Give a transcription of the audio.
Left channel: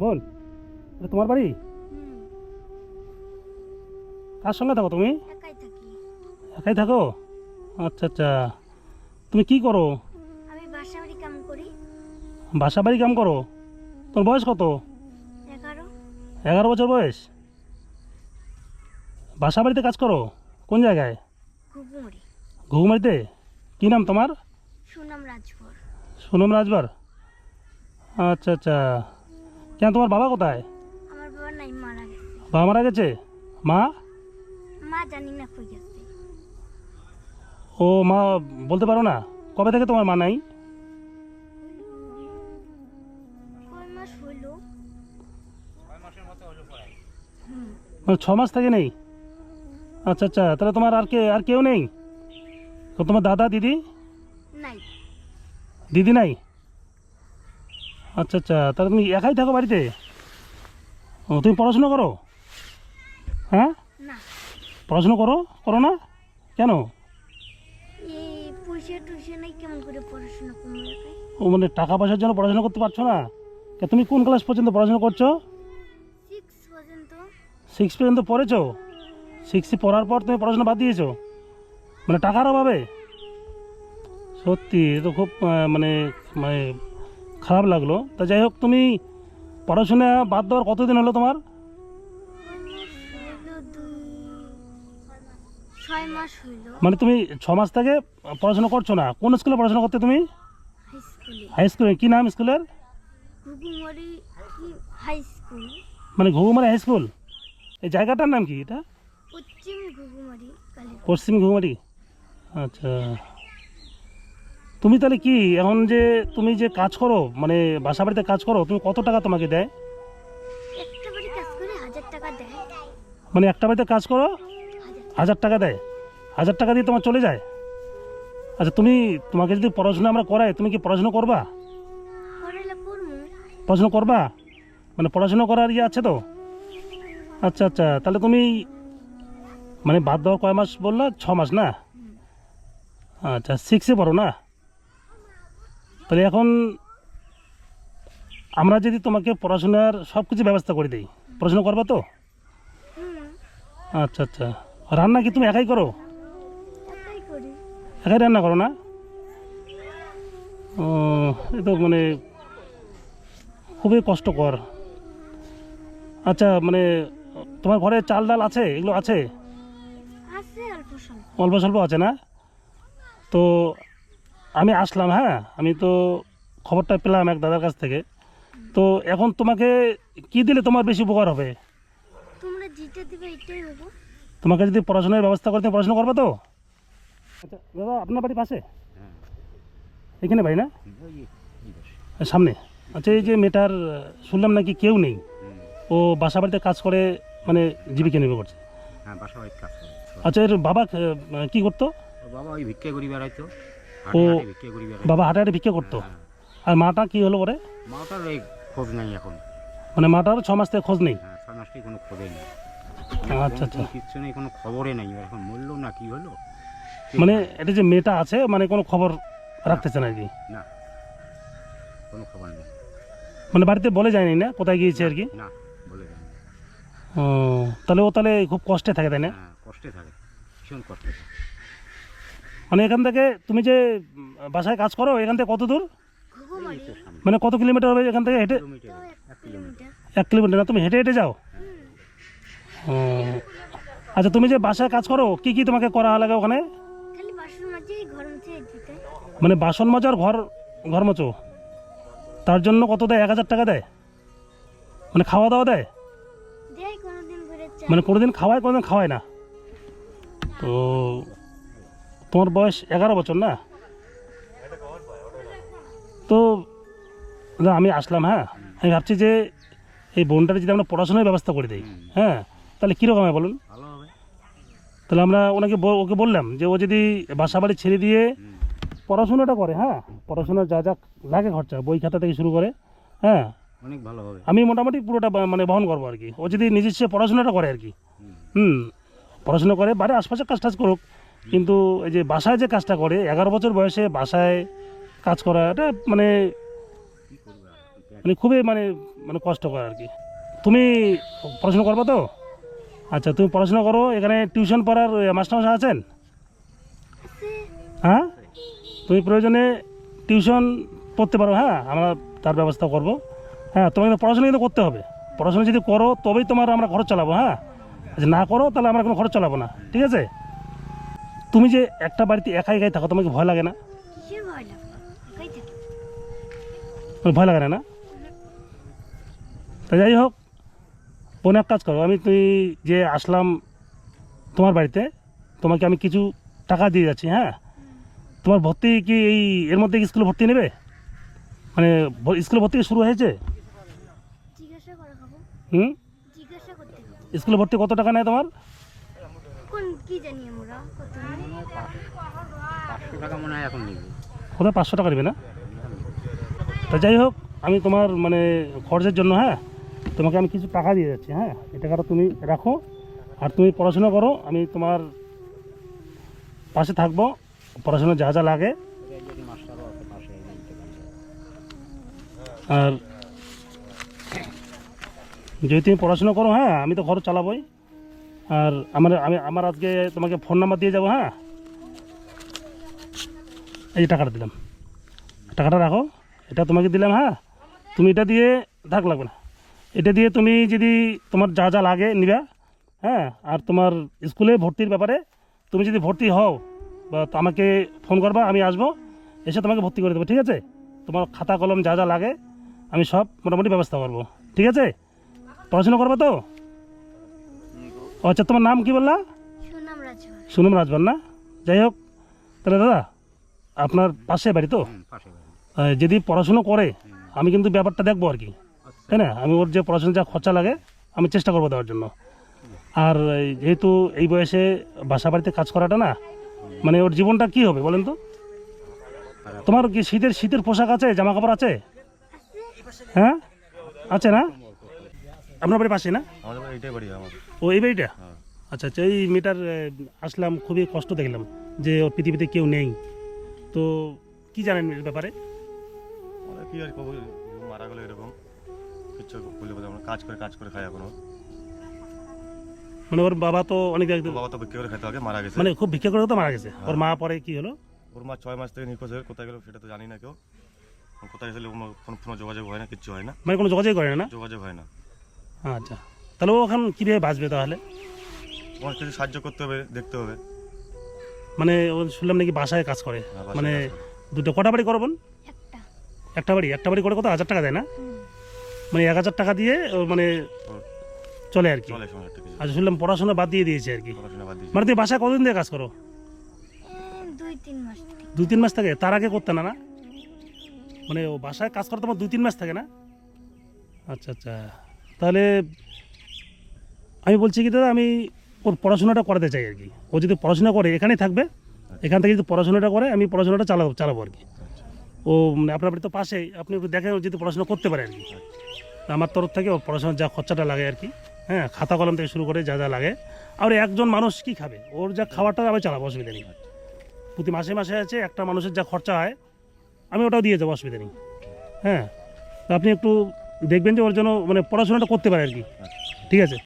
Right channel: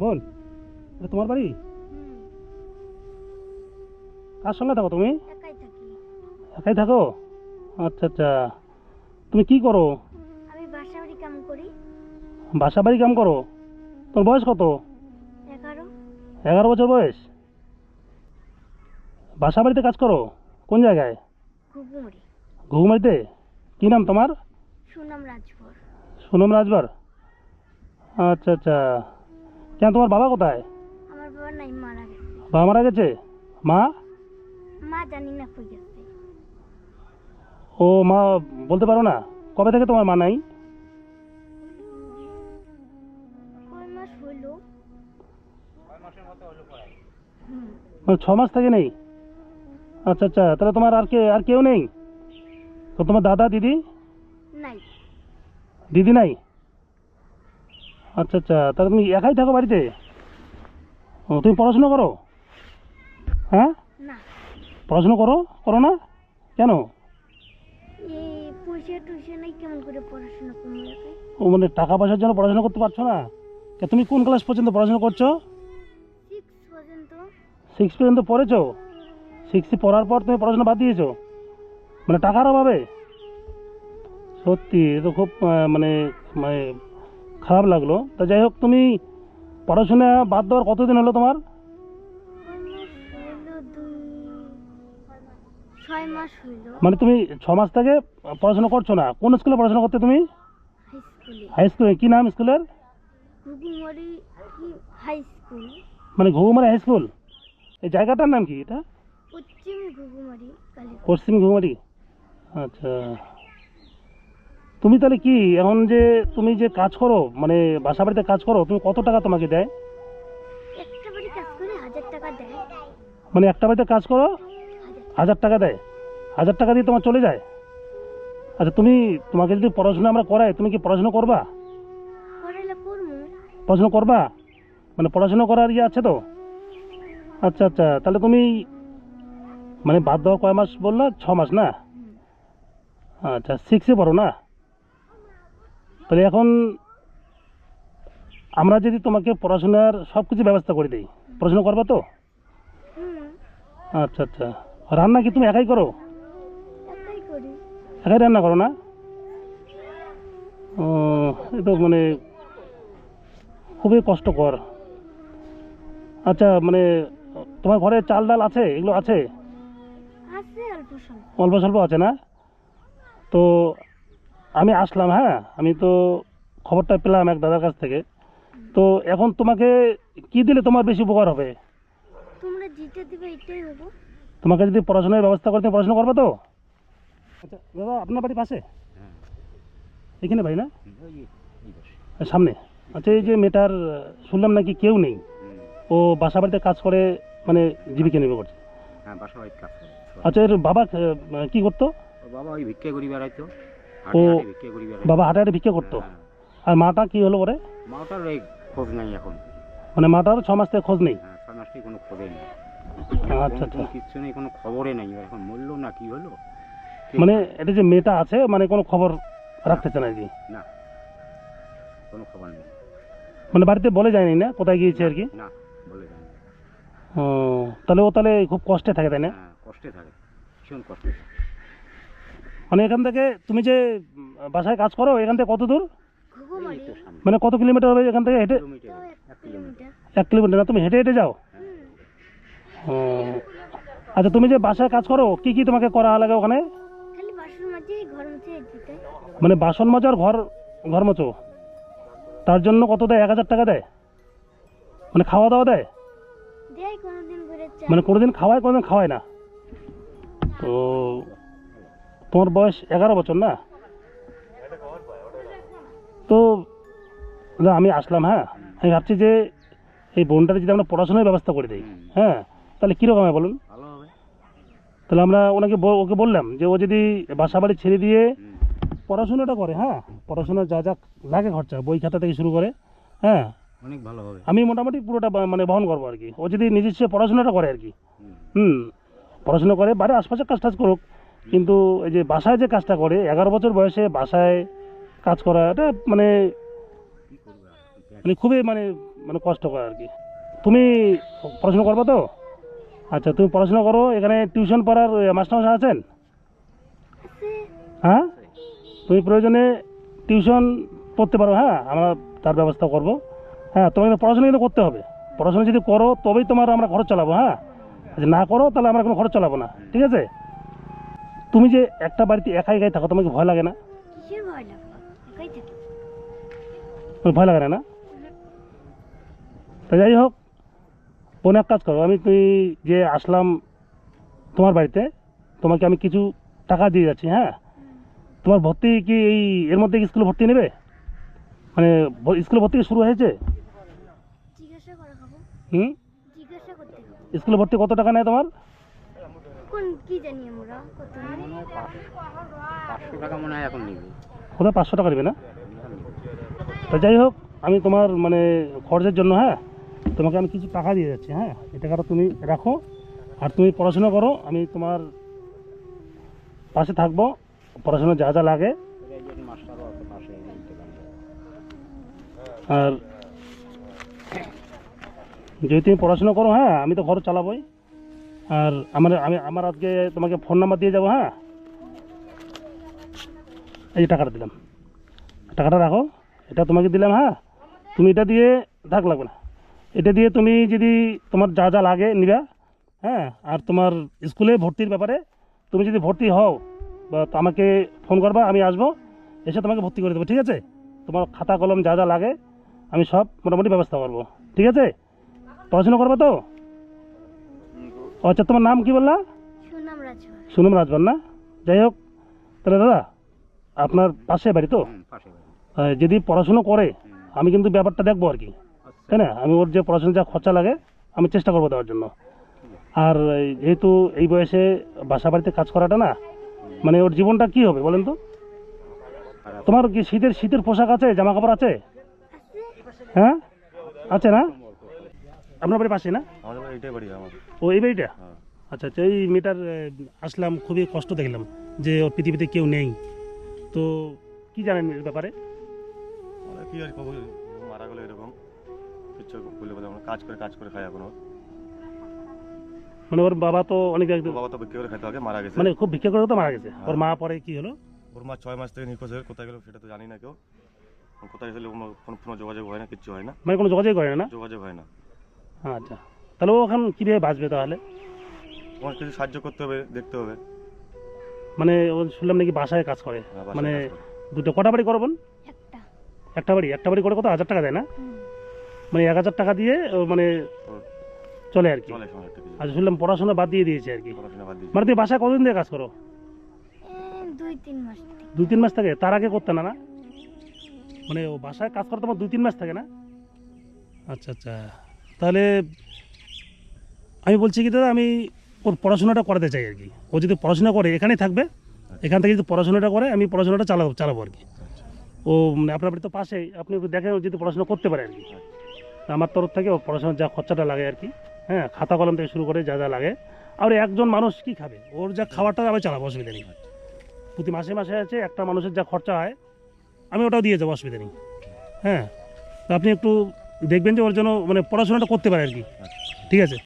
বোন, এটা তোমার বাড়ি? কার সঙ্গে থাকো তুমি? একাই থাকি। একাই থাকো? আচ্ছা আচ্ছা। তুমি কি করো? আমি বাসা বাড়ি কাম করি। বাসা বাড়ি কাম করো? তোর বয়স কত? 11। 11 বছর বয়স? বাসা বাড়িতে কাজ করো? কোন জায়গায়? ঘুঘুমুড়ি। ঘুঘুমারিতে? কী নাম তোমার? সুনাম রাজভর। সোনম রাজবার? আচ্ছা আচ্ছা। কেন, তোমার বাবা কোথায়? আমার বাবা নাই, মারা গেছে। বাবা মারা গেছে? মা? মা জানি না কই গেছে। ও মা, বলতে পারো না কবে থেকে তোমার মা নাই? কয় মাস হইলো? মানে 6 মাস থেকে নেই? আচ্ছা আচ্ছা, তাহলে তোমার আর কেউ নেই? তো তোমার দাদা দিদি? নাই। দিদি নাই? আচ্ছা আচ্ছা, তাহলে তুমি একাই থাকো বাড়িতে? ও, তুমি পড়াশোনা করো? হ্যাঁ, না, পড়াশোনা করো করো না কেন? এই পয়সা টয়সা নাই, কেমন করে পড়াশোনা করবো একাই? ও মানে টাকা পয়সার জন্য পড়াশোনা করতে পারছো না? তুমি কোন ক্লাস পর্যন্ত পড়াশোনা করছো? 6 পর্যন্ত। 6 পর্যন্ত পড়েছো? 6 পড়ার পর তুমি পড়াশোনা বাদ দিয়েছো মানে টাকার অভাবে? সত্যি এ তো খুব মানে মানে খারাপ লাগলো। তা যাই হোক, তুমি পড়াশোনা বাদ দেওয়ার কতদিন হলো তোমার? কয় মাস হইলো? 6 মাস হইলো। মানে তুমি 6 মাস থেকে পড়াশোনা করছো না? কোন স্কুলে পড়াশোনা করতে তুমি? হাই স্কুলে। হাই স্কুলে? কী নাম স্কুলের? ঘুঘুমুড়ি কি হাই স্কুল? মানে ঘুঘুমারি হাই স্কুল? এই জায়গাটার নাম কি এটা? পশ্চিম ঘুঘুমারি কালীপুর। পশ্চিম ঘুঘুমারি? আচ্ছা। তুমি তাহলে কি এখন যে তুমি যে কাজ করো, মানে বাসা বাড়িতে কাজ করো, তুমি কত টাকা তোমাকে দেয়? একটা বাড়ি কাজ করে 1000 টাকা দেয়। মানে একটা বাড়িতে কাজ করো 1000 1000 টাকা দেয়? 1000 টাকা দিয়ে তোমার চলে যায়? আচ্ছা, তোমাকে যদি পড়াশোনা আমরা করাই, তুমি কি পড়াশোনা করবা? করাইলে পড়মু। পড়াশোনা করবা? মানে পড়াশোনা করার ইয়ে আছে তো? আচ্ছা আচ্ছা, তাহলে তুমি মানে বাদ দেওয়া কয় মাস বললা? 6 মাস না? আচ্ছা, 6-এ পড়ো না? তাহলে এখন আমরা যদি তোমাকে পড়াশোনার সব কিছু ব্যবস্থা করে দিই, পড়াশোনা করবা তো? হুম, আচ্ছা আচ্ছা। রান্না কি তুমি একাই করো? একাই করি। একাই রান্না করো না? ও, এ তো মানে খুবই কষ্টকর। আচ্ছা, মানে তোমার ঘরে চাল ডাল আছে, এগুলো আছে? আছে অল্প স্বল্প। অল্প স্বল্প আছে না? তো আমি আসলাম, হ্যাঁ, আমি তো খবরটা পেলাম এক দাদার কাছ থেকে। তো এখন তোমাকে কি দিলে তোমার বেশি উপকার হবে? তোমরা যেটা দিবে এটাই হবো। তোমাকে যদি পড়াশোনার ব্যবস্থা করতে, পড়াশোনা করবে তো? আচ্ছা দাদা, আপনার বাড়ি পাশে? হ্যাঁ, এখানে বাড়ি না? ওই এই পাশে। সামনে? আচ্ছা, এই যে মেয়েটার শুনলাম নাকি কেউ নেই, ও বাসা বাড়িতে কাজ করে, মানে জীবিকা নির্বাহ করছে। হ্যাঁ, বাসা বাড়িতে কাজ করে। আচ্ছা, এর বাবা কি করতো? ওর বাবা ওই ভিক্ষা করি বেড়াইতো, ও, হাটে হাটে ভিক্ষা করি বেড়াইতো। বাবা হাটে হাটে ভিক্ষা করতো? হ্যাঁ, আর মাটা কি হলো ওরে? মাটার এই খোঁজ নাই এখন। মানে মাটার 6 মাস থেকে খোঁজ নেই? হ্যাঁ, 6 মাসটি কোনো খোঁজে নেই। আচ্ছা আচ্ছা। কোনো কিচ্ছু নেই, কোনো খবরে নেই। এখন মরলো না কি হলো ঠিক মানে নাই। এটা যে মেয়েটা আছে, মানে কোনো খবর রাখতেছে না আর কি? না, কোনো খবর নেই। মানে বাড়িতে বলে যায়নি না কোথায় গিয়েছে আর কি? না, বলে যায়নি। ও, তাহলে ও তাহলে খুব কষ্টে থাকে, তাই না? হ্যাঁ, কষ্টে থাকে, ভীষণ কষ্টে থাকে। মানে এখান থেকে তুমি যে বাসায় কাজ করো, এখান থেকে কত দূর? ঘুঘুমারি এই তো সামনে। মানে কত কিলোমিটার হবে এখান থেকে হেঁটে? কিলোমিটার, তো 1 কিলোমিটার। 1 কিলোমিটার না? তুমি হেঁটে হেঁটে যাও? ও, আচ্ছা, তুমি যে বাসায় কাজ করো, কি কি তোমাকে করা লাগে ওখানে? খালি বাসন মাঝে ঘর মুছে দিতে। মানে বাসন মাজার ঘর ঘর মোছো, তার জন্য কত দেয়? 1000 টাকা দেয়? মানে খাওয়া দাওয়া দেয়? দেয় কোনোদিন করে চাই। মানে কোনোদিন খাওয়ায়, কোনোদিন খাওয়ায় না? তো তোমার বয়স 11 বছর না? তো না, আমি আসলাম, হ্যাঁ, আমি ভাবছি যে এই বোনটার যদি আমরা পড়াশোনার ব্যবস্থা করে দিই, হ্যাঁ, তাহলে কীরকম হয় বলুন? ভালো হবে। তাহলে আমরা ওকে বললাম যে ও যদি বাসা বাড়ি ছেড়ে দিয়ে পড়াশোনাটা করে, হ্যাঁ, পড়াশোনার যা যা লাগে খরচা, বই খাতা থেকে শুরু করে, হ্যাঁ, অনেক ভালো হবে। আমি মোটামুটি পুরোটা মানে বহন করবো আর কি। ও যদি নিজস্ব পড়াশোনাটা করে আর কি, হুম। হুম, পড়াশোনা করে, বাড়ির আশপাশে কাজ টাজ করুক, কিন্তু এই যে বাসায় যে কাজটা করে, 11 বছর বয়সে বাসায় কাজ করা, এটা মানে কি করবে আর? মানে খুবই মানে মানে কষ্ট করে আর কি। তুমি পড়াশোনা করবে তো? আচ্ছা, তুমি পড়াশোনা করো। এখানে টিউশন পড়ার মাস্টারমশাই আছেন? আছে। হ্যাঁ, তুমি প্রয়োজনে টিউশন পড়তে পারো। হ্যাঁ, আমরা তার ব্যবস্থা করব। হ্যাঁ, তোমাকে কিন্তু পড়াশোনা কিন্তু করতে হবে। পড়াশোনা যদি করো তবেই তোমার আমরা খরচ চালাবো। হ্যাঁ, যদি না করো তাহলে আমরা কোনো খরচ চালাবো না, ঠিক আছে? তুমি যে একটা বাড়িতে একাই একাই থাকো, তোমাকে ভয় লাগে না? কিসের ভয় লাগবে? একাই থাকি। তোমার ভয় লাগে না? তা যাই হোক, বোন এক কাজ করো, তুই যে আসলাম তোমার বাড়িতে, তোমাকে আমি কিছু টাকা দিয়ে যাচ্ছি। হ্যাঁ, তোমার ভর্তি কি এর মধ্যে স্কুলে ভর্তি নেবে? মানে স্কুলে ভর্তি কি শুরু হয়েছে? জিজ্ঞাসা করা খাবো। হুম, জিজ্ঞাসা করতে হবে। স্কুলে ভর্তি কত টাকা নেয় তোমার? কোন কি জানি আমরা কত নেয়? 500 টাকা মনে হয় এখন নেবে। কোথায় 500 টাকা নেবে না? তা যাই হোক, আমি তোমার মানে খরচের জন্য, হ্যাঁ, তোমাকে আমি কিছু টাকা দিয়ে যাচ্ছি। হ্যাঁ, এই টাকাটা তুমি রাখো, আর তুমি পড়াশোনা করো। আমি তোমার পাশে থাকবো, পড়াশোনা যা যা লাগে। মাস্টারও আছে পাশে, বলতে পারবে। আর যদি তুমি পড়াশোনা করো, হ্যাঁ, আমি তো খরচ চালাবোই। আর আমার আজকে তোমাকে ফোন নাম্বার দিয়ে যাবো। হ্যাঁ, এই যে টাকাটা দিলাম, টাকাটা রাখো, এটা তোমাকে দিলাম। হ্যাঁ, তুমি এটা দিয়ে থাক, লাগবে না। এটা দিয়ে তুমি যদি তোমার যা যা লাগে নিবা। হ্যাঁ, আর তোমার স্কুলে ভর্তির ব্যাপারে তুমি যদি ভর্তি হও বা তো আমাকে ফোন করবা, আমি আসবো, এসে তোমাকে ভর্তি করে দেবো, ঠিক আছে? তোমার খাতা কলম যা যা লাগে আমি সব মোটামুটি ব্যবস্থা করবো, ঠিক আছে? পড়াশোনা করবে তো? ও আচ্ছা, তোমার নাম কি বললা? সুনাম রাজভর। সুনম রাজবান না? যাই হোক, তাহলে দাদা আপনার পাশে বাড়ি তো? পাশে বাড়ি। যদি পড়াশুনো করে আমি কিন্তু ব্যাপারটা দেখবো আর কি, তাই না? আমি ওর যে পড়াশোনা যা খরচা লাগে আমি চেষ্টা করবো দেওয়ার জন্য। আর যেহেতু এই বয়সে বাসা বাড়িতে কাজ করাটা না, মানে ওর জীবনটা কি হবে বলেন তো? তোমার কি শীতের পোশাক আছে, জামা কাপড় আছে? হ্যাঁ, আছে না? আপনার বাড়ির পাশে না? আমাদের বাড়ি এটাই বাড়ি আমার। ও এই বাড়িটা? আচ্ছা আচ্ছা, এই মেয়েটার আসলাম, খুবই কষ্ট দেখলাম যে ওর পৃথিবীতে কেউ নেই। তো কি জানেন এর ব্যাপারে? মানে কি আর কবো, মারা গেলো এরকম কিচ্ছু বলে বলে আমরা কাজ করে খাই এখনো। মানে ওর বাবা তো অনেক ওর বাবা তো বিক্রি করে খেতে আগে মারা গেছে। মানে খুব ভিক্ষা করে তো মারা গেছে। ওর মা পরে কি হলো? ওর মা 6 মাস থেকে নিখোঁজ হয়ে কোথায় গেল সেটা তো জানি না কেউ। কোথায় গেলে কোনো যোগাযোগ হয় না, কিচ্ছু হয় না, মানে কোনো যোগাযোগ করে না? যোগাযোগ হয় না। আচ্ছা, তাহলে ও এখন কীভাবে বাঁচবে তাহলে? তোমার কিছু সাহায্য করতে হবে, দেখতে হবে। মানে ও শুনলাম নাকি বাসায় কাজ করে, হ্যাঁ, বাসায় মানে কাজ করে। দুটো কটা বাড়ি করবেন? একটা। একটা বাড়ি করে কত 1000 টাকা দেয় না? হুম। মানে 1000 টাকা দিয়ে ও মানে ওর চলে আর কি। চলে সময় একটা কিছু আচ্ছা, শুনলাম পড়াশোনা বাদ দিয়ে দিয়েছে আর কি। পড়াশোনা বাদ দিয়েছে। মানে তুমি বাসায় কতদিন দিয়ে কাজ করো? 2-3 মাস থেকে। 2-3 মাস থাকে? তার আগে করতে না? না মানে ও বাসায় কাজ করতে তোমার 2-3 মাস থাকে না? আচ্ছা আচ্ছা, তাহলে আমি বলছি কি দাদা, আমি ওর পড়াশোনাটা করাতে চাই আর কি। ও যদি পড়াশোনা করে এখানেই থাকবে, এখান থেকে যদি পড়াশোনাটা করে আমি পড়াশোনাটা চালাবো আর কি। ও মানে আপনার বাড়ি তো পাশেই, আপনি একটু দেখেন ও যদি পড়াশোনা করতে পারে আর কি। আমার তরফ থেকে ওর পড়াশোনার যা খরচাটা লাগে আর কি, হ্যাঁ, খাতা কলম থেকে শুরু করে যা যা লাগে। আর একজন মানুষ কি খাবে, ওর যা খাবারটা আমি চালাবো, অসুবিধা নেই। প্রতি মাসে মাসে আছে একটা মানুষের যা খরচা হয় আমি ওটাও দিয়ে যাবো, অসুবিধা নেই। হ্যাঁ, তো আপনি একটু দেখবেন যে ওর জন্য মানে পড়াশোনাটা করতে পারে আর কি, ঠিক আছে?